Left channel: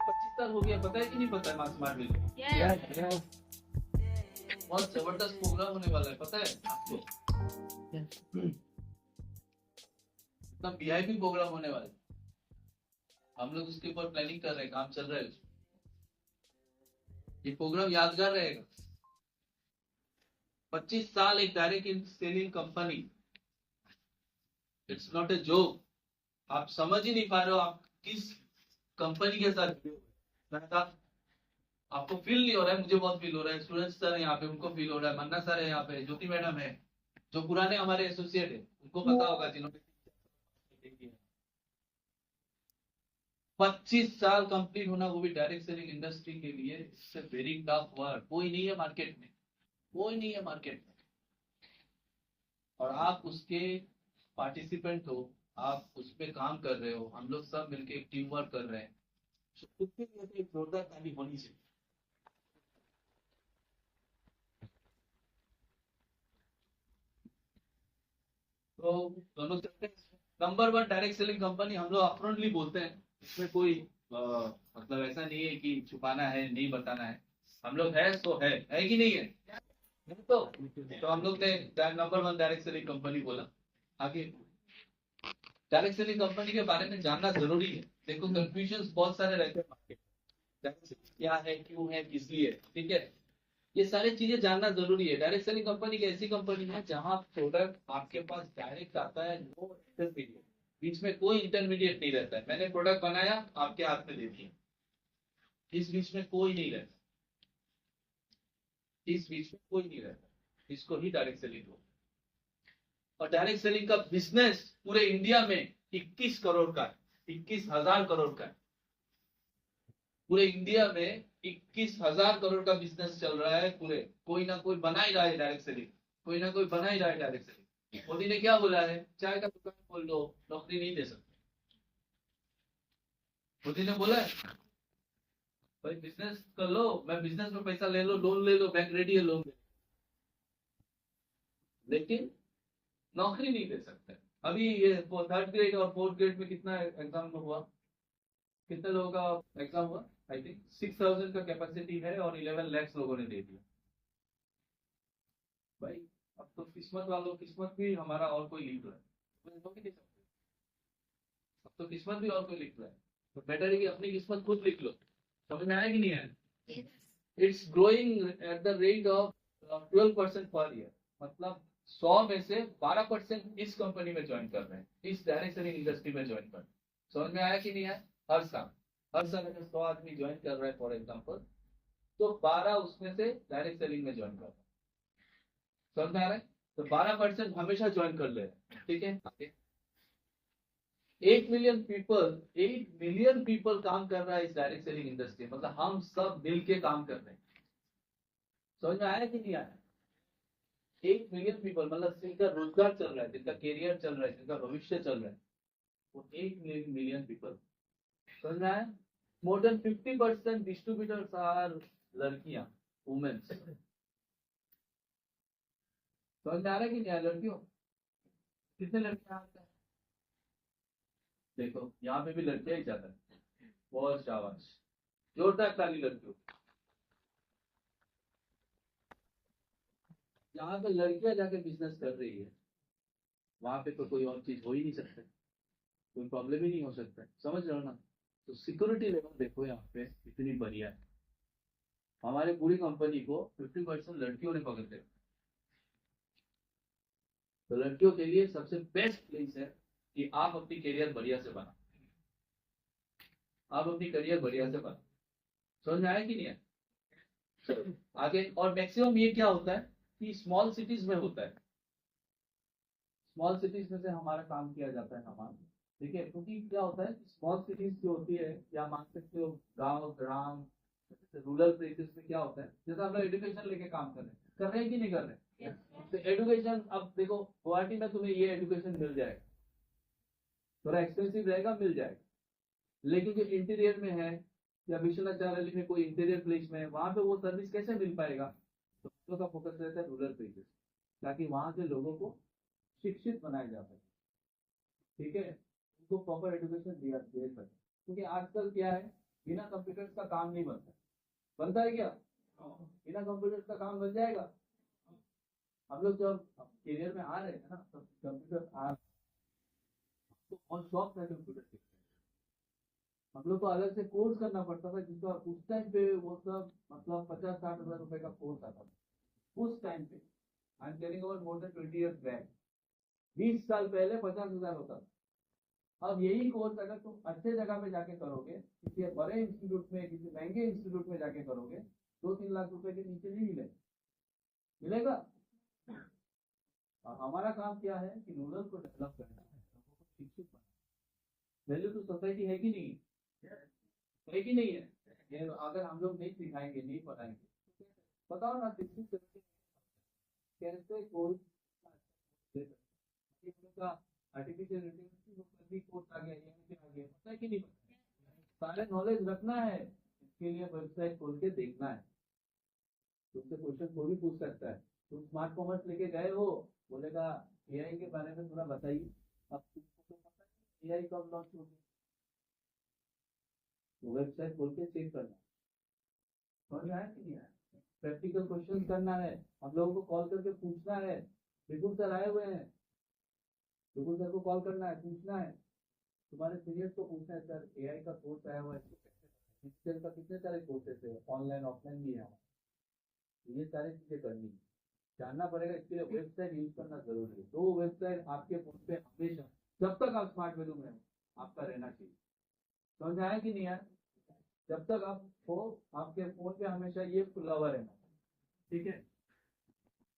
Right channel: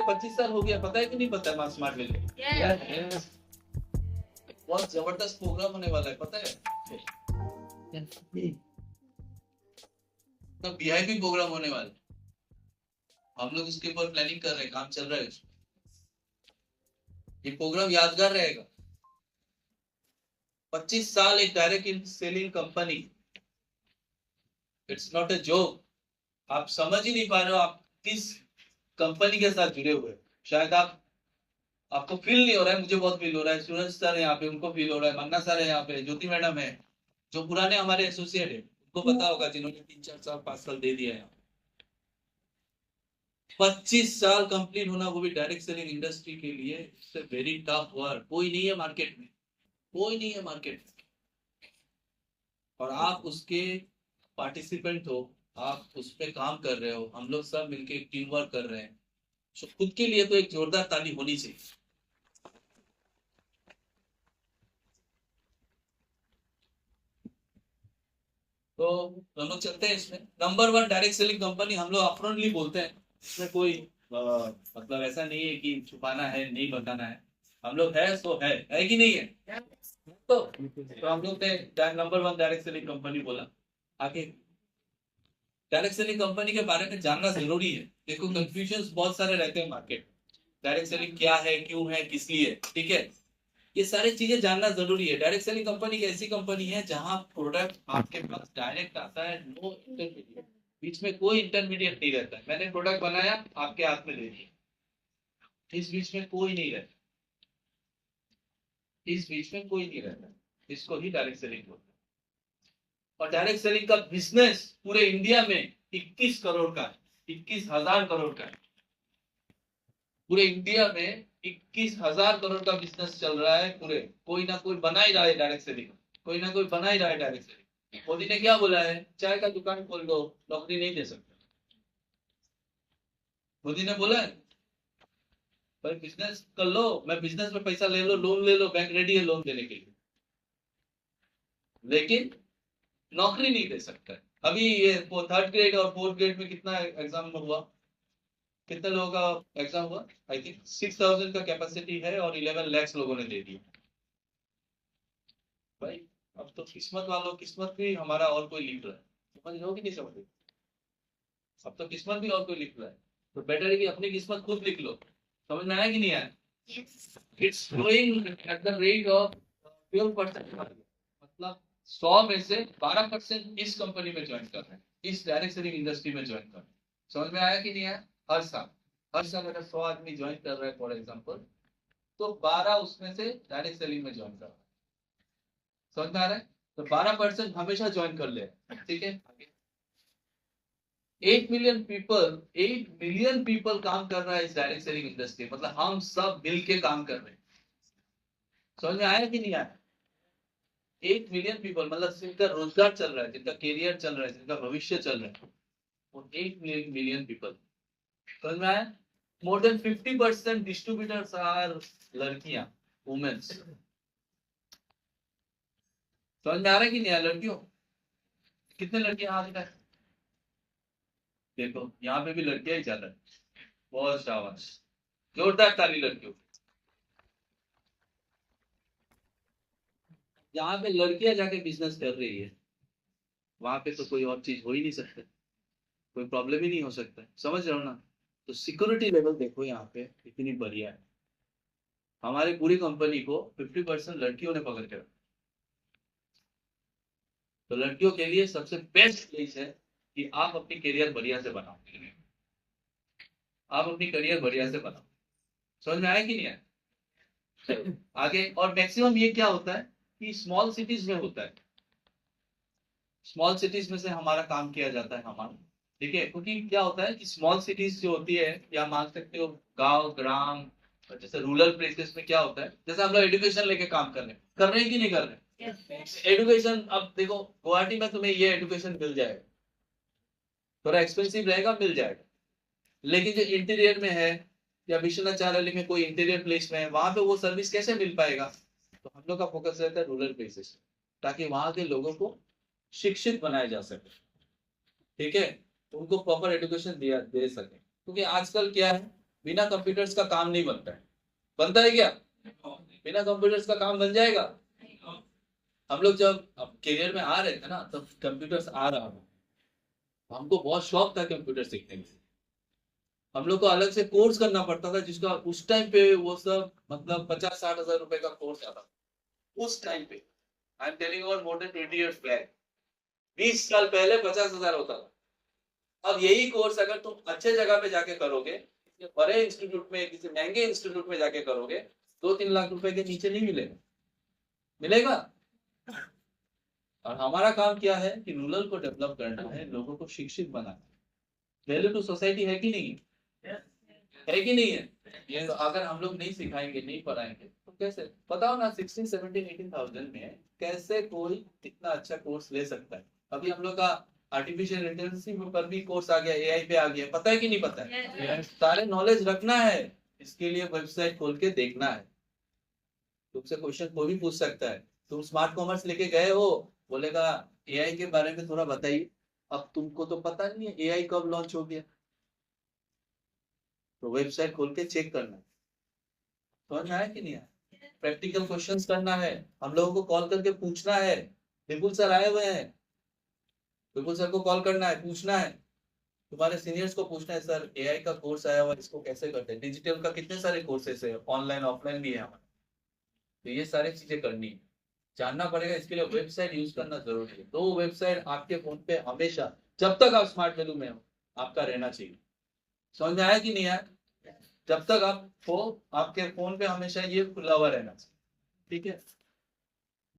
25 साल हो गया, पता है कि नहीं पता है मास स्मार्ट मिल? बहुत जबरदस्त प्रोग्राम होने वाला है, पता है आपको? तो वीआईपी प्रोग्राम होने वाला है, हम लोग उसके ऊपर प्लानिंग कर रहे हैं, काम चल रहा है। ये प्रोग्राम यादगार रहेगा। 25 साल एक direct selling company, it's not a joke. आप समझ ही नहीं पा रहे हो आप किस कंपनी के साथ जुड़े हुए। शायद आपको फील नहीं हो रहा है, मुझे बहुत फील हो रहा है। सूरज सर है यहाँ पे, उनको फील हो रहा है। मन्ना सर है यहाँ पे, ज्योति मैडम है, जो पुराने हमारे एसोसिएट है, उनको पता होगा, जिन्होंने 3-4 साल 5 साल दे दिया है। 25 साल कंप्लीट होना, वो भी डायरेक्ट सेलिंग इंडस्ट्री के लिए, it's a very tough work. कोई नहीं है मार्केट में, कोई नहीं है मार्केट में, और आप उसके पार्टिसिपेंट हो, आप उस पर काम कर रहे हो, हम लोग सब मिलके एक टीम वर्क कर रहे हैं। तो खुद के लिए तो एक जोरदार ताली होनी चाहिए। तो हम लोग चलते हैं इसमें। नंबर 1 डायरेक्ट सेलिंग कंपनी हम लोग अपफ्रंटली बोलते हैं, इसमें कोई मतलब ऐसा नहीं है कि छुपाना है, नहीं बताना है। हम लोग है तो है कि नहीं है? तो हम लोग ने नंबर 1 डायरेक्ट सेलिंग कंपनी बोला। आगे डायरेक्ट सेलिंग कंपनी के बारे में जानना जरूरी है। देखो कंफ्यूजन बहुत सारे रहते हैं मार्केट। डायरेक्ट सेलिंग क्या है, क्यों है, किस लिए, ठीक है? ये सारी चीजें जानना जरूरी है। डायरेक्ट सेलिंग कंपनी एक ऐसी कंपनी है जहां प्रोडक्ट आपके पास डायरेक्ट आता है, नो इंटरमीडिएट, बीच में कोई इंटरमीडिएट नहीं रहता है। मैंने प्रोडक्ट बनाया, आपके हाथ में दे दिया, इस बीच में कोई नहीं रहता, इस बीच में कोई नहीं रहता। इसको ही डायरेक्ट सेलिंग बोलते हैं। और डायरेक्ट सेलिंग का बिजनेस पूरे इंडिया में 21 करोड़ का है, 21,000 करोड़ का है। पूरे इंडिया में 21,000 करोड़ का बिजनेस चल रहा है पूरे। कोई ना कोई बना ही रहा है डायरेक्ट सेलिंग, कोई ना कोई बना ही रहा है डायरेक्ट सेलिंग। मोदी ने क्या बोला है? चाय का दुकान खोल दो, नौकरी नहीं दे सकते। मोदी ने बोला है पर बिजनेस कर लो, मैं बिजनेस में पैसा ले लो, लोन ले लो, बैंक रेडी है लोन देने के लिए, लेकिन नौकरी नहीं दे सकता। अभी ये 3rd ग्रेड और 4th ग्रेड में कितना एग्जाम हुआ? कितने लोगों का एग्जाम हुआ? आई थिंक 6,000 का कैपेसिटी है और 11 lakhs लोगों ने दे दिया। भाई अब तो किस्मत वालों, किस्मत भी हमारा और कोई लिख रहा है। समझ रहे हो कि नहीं समझ रहे? अब तो किस्मत भी और कोई लिख रहा है, तो बेटर है कि अपनी किस्मत खुद लिख लो। समझ में आया कि नहीं आया? It's growing at the rate of 12% per year. मतलब 100 में से 12% इस कंपनी में ज्वाइन कर रहे हैं, इस डायरेक्ट सेलिंग इंडस्ट्री में ज्वाइन कर रहे हैं। समझ में आया कि नहीं आया? हर साल अगर 100 आदमी ज्वाइन कर रहे हैं फॉर एग्जाम्पल, तो 12 उसमें से डायरेक्ट सेलिंग में ज्वाइन कर रहे हैं। समझ में आ रहा है? तो 12% हमेशा ज्वाइन कर ले, ठीक है? आगे 8 मिलियन पीपल काम कर रहा है इस डायरेक्ट सेलिंग इंडस्ट्री, मतलब हम सब मिलके काम कर रहे हैं। समझ में आया कि नहीं आया? 8 मिलियन पीपल मतलब जिनका रोजगार चल रहा है, जिनका कैरियर चल रहा है, जिनका भविष्य चल रहा है, वो 8 मिलियन पीपल। समझ में आया? मोर देन 50% डिस्ट्रीब्यूटर्स आर लड़कियां, वुमेन्स। समझ में आ रहा है कि नहीं आया? लड़कियों, कितने लड़कियां हाथ उठाए? देखो यहाँ पे भी लड़कियां ही चल रहा है। बहुत शाबाश, जोरदार ताली लड़कियों। जहाँ पे लड़कियां जाके बिजनेस कर रही है, वहां पे तो कोई और चीज हो ही नहीं सकता, कोई प्रॉब्लम ही नहीं हो सकता। समझ रहे हो ना? तो सिक्योरिटी लेवल देखो यहाँ पे कितनी बढ़िया है। हमारी पूरी कंपनी को 50% लड़कियों ने पकड़ के रखा। तो लड़कियों के लिए सबसे बेस्ट प्लेस है कि आप अपनी करियर बढ़िया से बनाओ, आप अपनी करियर बढ़िया से बनाओ। समझ में आया कि नहीं आया? आगे और मैक्सिमम ये क्या होता है कि स्मॉल सिटीज में होता है। स्मॉल सिटीज में से हमारा काम किया जाता है हमारा, ठीक है? क्योंकि क्या होता है कि स्मॉल सिटीज जो होती है, या मान सकते हो गांव ग्राम, जैसे रूरल प्लेसेस में क्या होता है, जैसे हम लोग एजुकेशन लेके काम कर रहे हैं कि नहीं कर रहे हैं? एजुकेशन, अब देखो गुवाहाटी में तुम्हें ये एजुकेशन मिल जाएगा, थोड़ा एक्सपेंसिव रहेगा, मिल जाएगा। लेकिन जो इंटीरियर में है, या विश्वनाथ में कोई इंटीरियर प्लेस में है, वहां पे वो सर्विस कैसे मिल पाएगा? तो हम लोग का फोकस रहता है रूरल प्लेसेस, ताकि वहां के लोगों को शिक्षित बनाया जा सके, ठीक है? तो उनको प्रॉपर एजुकेशन दिया दे सके। क्योंकि आजकल क्या है बिना कंप्यूटर्स का काम नहीं बनता है। बनता है क्या? बिना कंप्यूटर्स का काम बन जाएगा? हम लोग जब करियर में आ रहे थे ना, तब कंप्यूटर्स आ रहा था, हमको बहुत शौक था कंप्यूटर सीखने में। हम लोग को अलग से कोर्स करना पड़ता था, जिसका उस टाइम पे वो सब मतलब 50-60 हजार रुपए का कोर्स आता था उस टाइम पे। I am telling about more than 20 years back. 20 साल पहले 50 हजार होता था। अब यही कोर्स अगर तुम अच्छे जगह पे जाके करोगे, किसी बड़े इंस्टीट्यूट में, किसी महंगे इंस्टीट्यूट में जाके करोगे, 2-3 लाख रुपए के नीचे नहीं मिलेगा। मिलेगा? और हमारा काम क्या है कि रूरल को डेवलप करना है, लोगों को शिक्षित बनाना है। वैल्यू टू सोसाइटी है कि नहीं है कि नहीं है? ये तो अगर हम लोग नहीं सिखाएंगे, नहीं पढ़ाएंगे तो कैसे? बताओ ना, 16, 17, 18 थाउजेंड में कैसे कोई इतना अच्छा कोर्स ले सकता है? अभी हम लोग का आर्टिफिशियल इंटेलिजेंस पर भी कोर्स आ गया, एआई पे आ गया, पता है कि नहीं पता है? सारे नॉलेज रखना है, इसके लिए वेबसाइट खोल के देखना है। तुमसे क्वेश्चन कोई भी पूछ सकता है। तुम स्मार्ट कॉमर्स लेके गए हो, बोलेगा एआई के बारे में थोड़ा बताइए। अब तुमको तो पता नहीं है एआई कब लॉन्च हो गया, तो वेबसाइट खोल के चेक करना है। समझ में आया कि नहीं आया? प्रैक्टिकल क्वेश्चंस करना है, हम लोगों को कॉल करके पूछना है। विपुल सर आए हुए हैं, विपुल सर को कॉल करना है, पूछना है। तुम्हारे सीनियर्स को पूछना है, सर एआई का कोर्स आया हुआ है, इसको कैसे करते हैं? डिजिटल का कितने सारे कोर्सेस है, ऑनलाइन ऑफलाइन भी है हमारे। तो ये सारी चीजें करनी है, जानना पड़ेगा। इसके लिए वेबसाइट यूज करना जरूरी है। तो वेबसाइट आपके फोन पे हमेशा, जब तक आप स्मार्ट वैल्यू में हो, आपका रहना चाहिए। समझ में आया कि नहीं आया? जब तक आप हो, आपके फोन पे हमेशा ये खुला हुआ रहना चाहिए। ठीक है।